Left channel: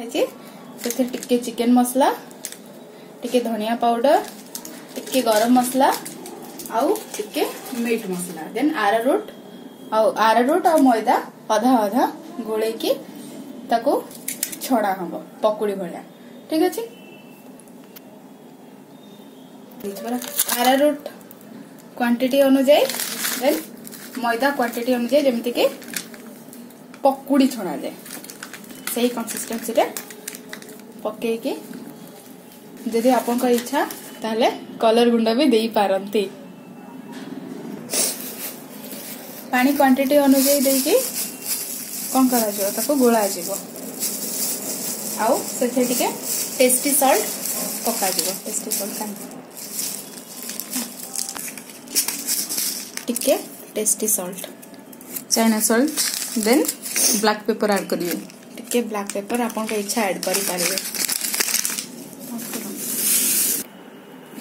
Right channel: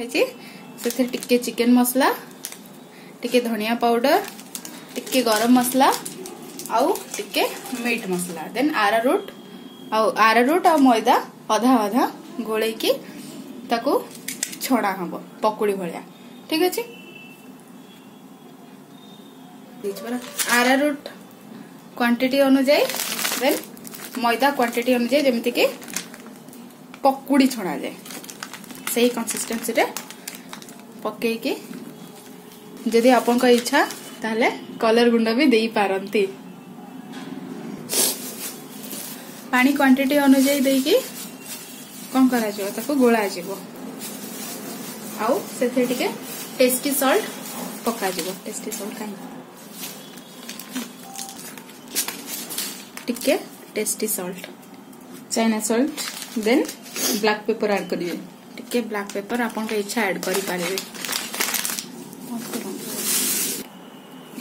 से टिके चिकन मसला, टिके धनिया पाउडर, टिके गरम मसला आउ टिके मीट मसला, देन आरारूट आ मैदा अधा अधा गोले की ताको छड़ा हम पकुड़ी भलिया। ठीक अच्छे। आरारूट क्वांटिटी अनुसार देन मैदा क्वांटिटी अनुसार जमती कि पकुड़ी छड़ा जाए सही कंसिस्टेंसी रे पकईकी जदि आपन का इच्छा ताले कलर गुंडा भी देई पारंती। पानी क्वांटिटी अनुसार देकी कौन करा जिवो ताको गोळा जिवो आउ सेथे टिके टेस्टी सॉल्ट पका जिवो। टेस्टी सॉल्ट टिके tasty salt China salt then black pepper add करिवे। टिके ब्लैक पेपर आपन का इच्छा ऐड करि पारिबे।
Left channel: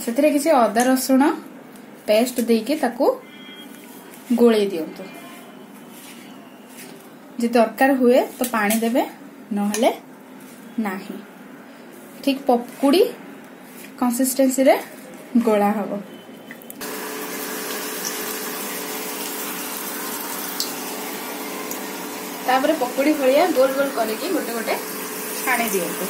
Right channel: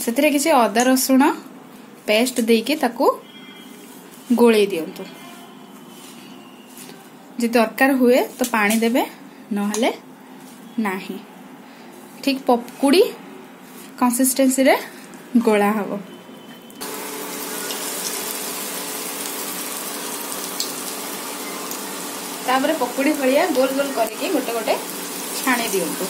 सेथिरे किछि अदा रसुण पेस्ट देके ताको गोळे दियंतु। जे दरकार हुए तो पानी देबे नहले नाही। ठीक पकुड़ी कंसिस्टेंसी रे गोळा हबो। तापर पकुड़ी भलिया गोल गोल करके गोटे गोटे छाणी दियंतु।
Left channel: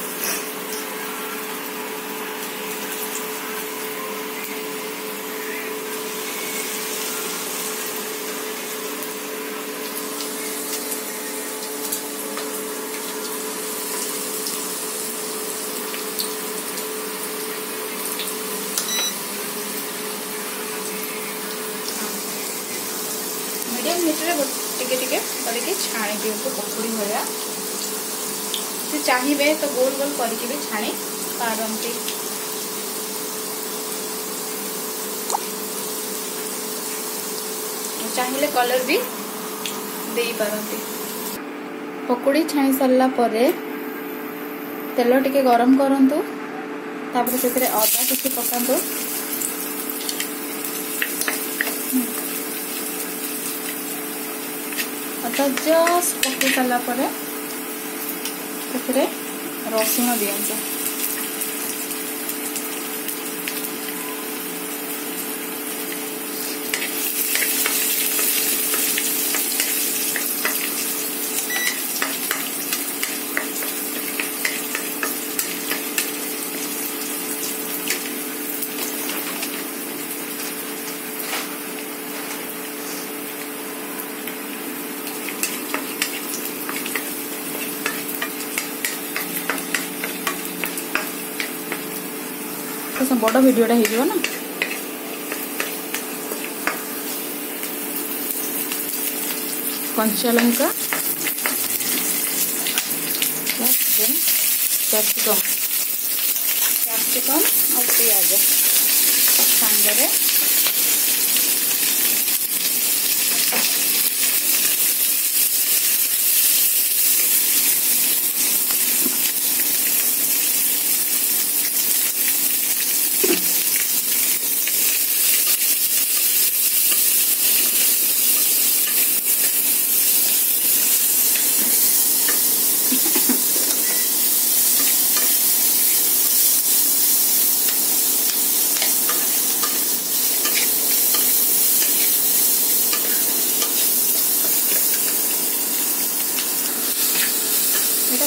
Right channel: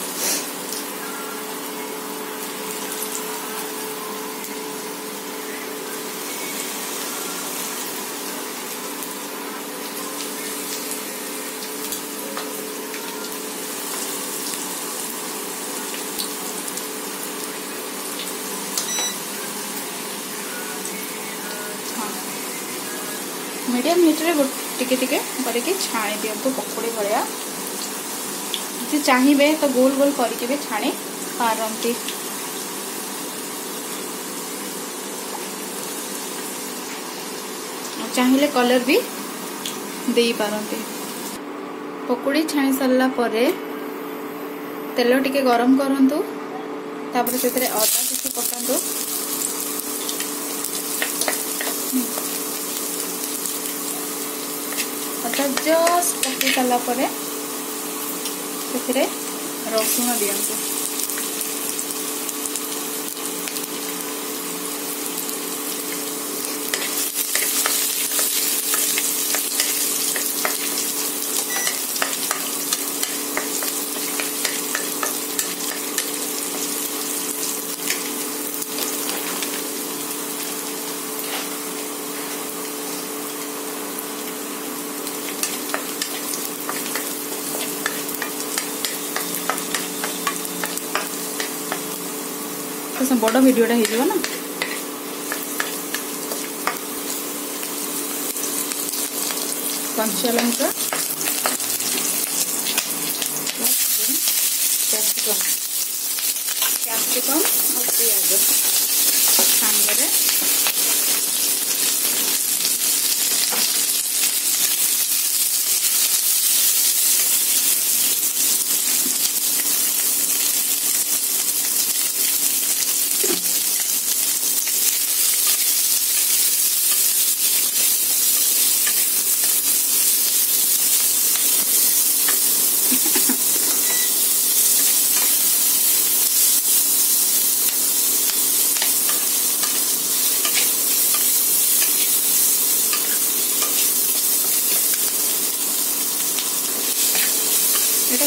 मीडियम हीट रे टिके टिके करके छाणी दियंतु पकुड़ी भलिया। जे चाहिए तो गोल गोल करके भी छाणी पारंती। चाहिए कलर भी देई पारंती। पकुड़ी छाणी सरला परे तेल टिके गरम करंतु। तापर सेतरे अदा किछि पकांतु। अदा जस्ट पकई सारा पर रसुण दियंतु। तो बड़ भिडियोटा हो ना। कंचा लंका कैप्सिकम और प्याज सांगरे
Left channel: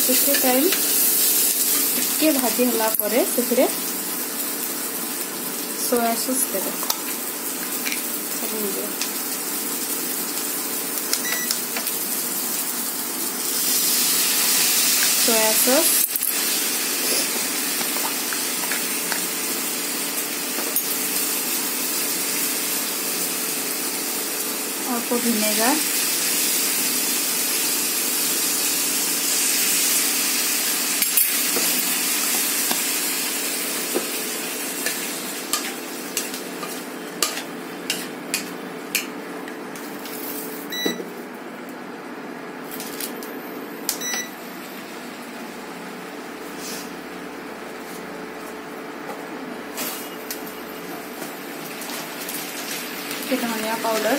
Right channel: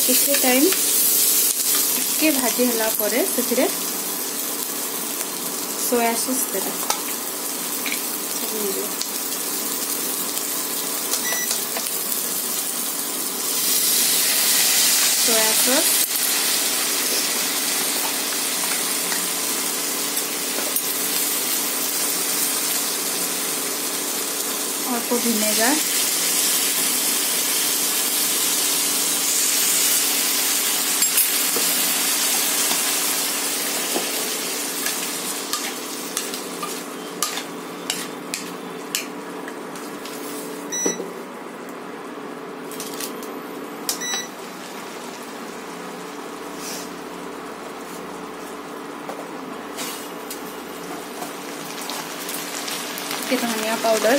किसी टाइम के भाजी हला परे से सोया सॉस देबे। सोया सॉस और विनेगर धनिया पाउडर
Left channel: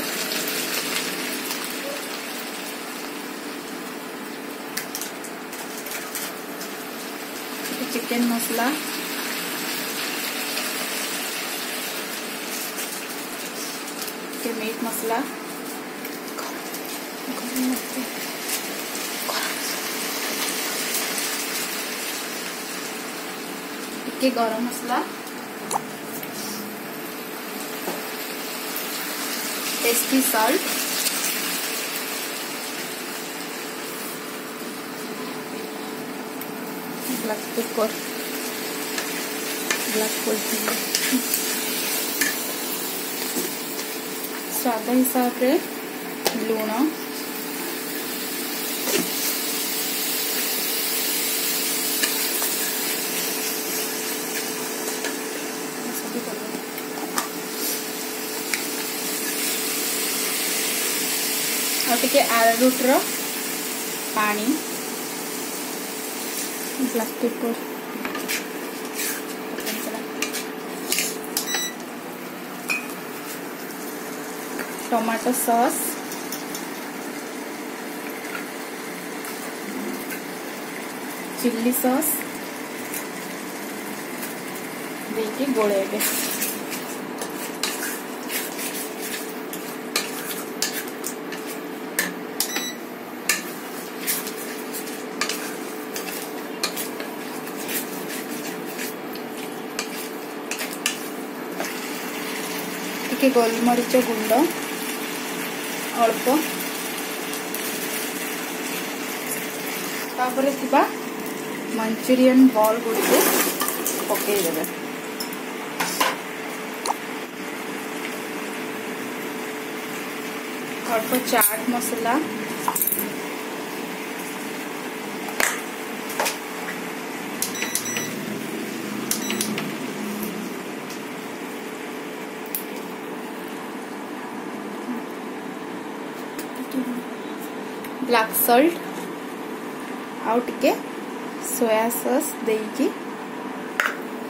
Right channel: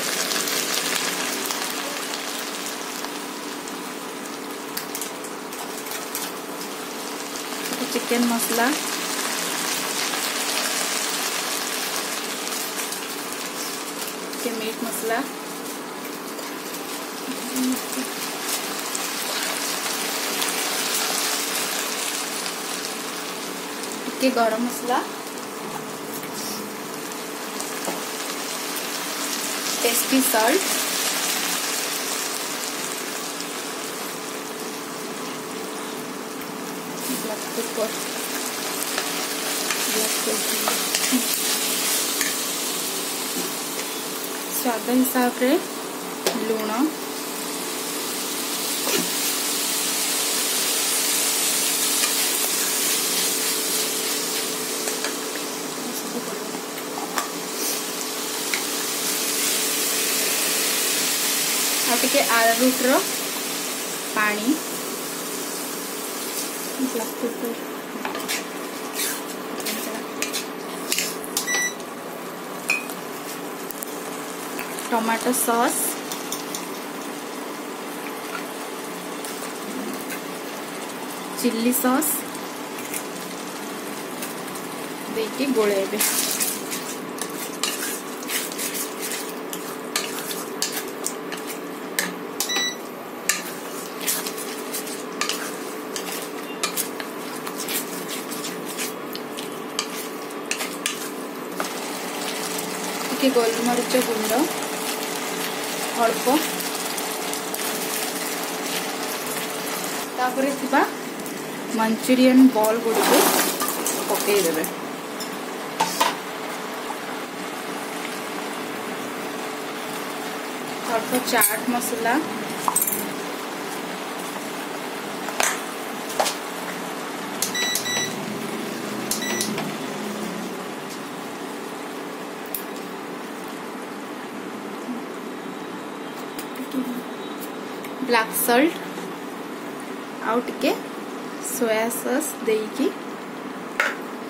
चिकन मसला, ଟିକେ मीट मसला, ଟିକେ गरम मसला, टेस्टी सॉल्ट, ब्लैक पेपर, स्वाद हिसाब रे लूण, टे आरारूट रो पानी, black pepper, tomato sauce, chilli sauce देके गोलेबे। टिके गोलमरीच गुंड अल्प, तापर मंचूरियन बॉल गुड़ पकईदे, अल्प चाट मसला, ब्लैक सॉल्ट आउ टिके सोया सॉस देकी